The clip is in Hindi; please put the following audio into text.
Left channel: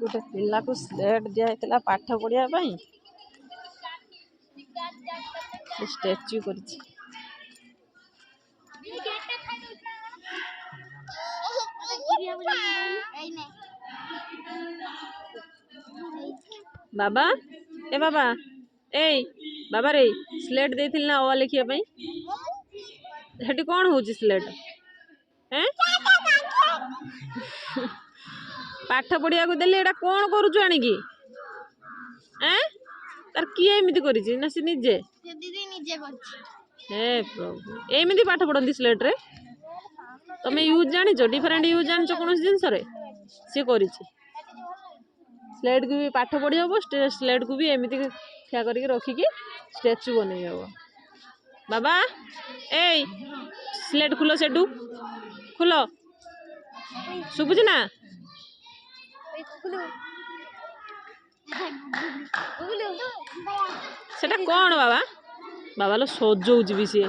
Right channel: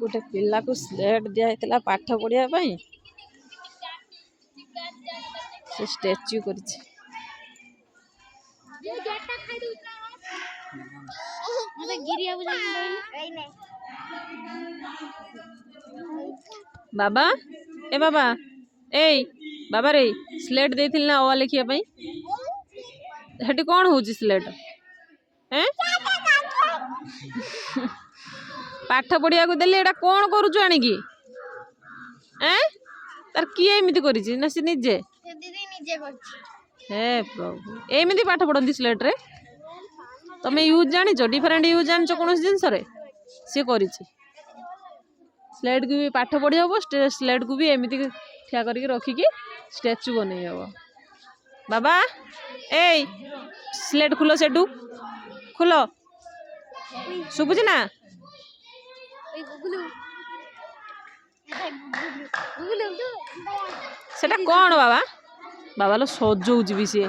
गोटे पिला को स्लेट दिया पाठ पढ़िया स्टैच्यू कर बाबा ए बाबा ए बाबा रे स्लेट देथिल ना ओ लिखिया पई हेटी कोन होउची स्लेट हैं पाठ पढ़िया को देले एटा कोन करूछु आनी की हैं तार की एमिति करिछि ना से निजे दीदी निजे करछि हे प्रभु एमिति पाठ पढ़ंती स्लेट रे तमे यूज जानि छ डिफरेंट यूज जानि छ कोनोस जिंस रे से करिछि स्लेट को भी पाठ पढ़ी हम स्लेट को भी एमती ठिया करके रखिकी स्टैच्यू बनई हम बाबा ए स्लेट खुलो सेटू खुलो शुभुच ना सेटा कौन बाबा बाबा लो सजौच भी सी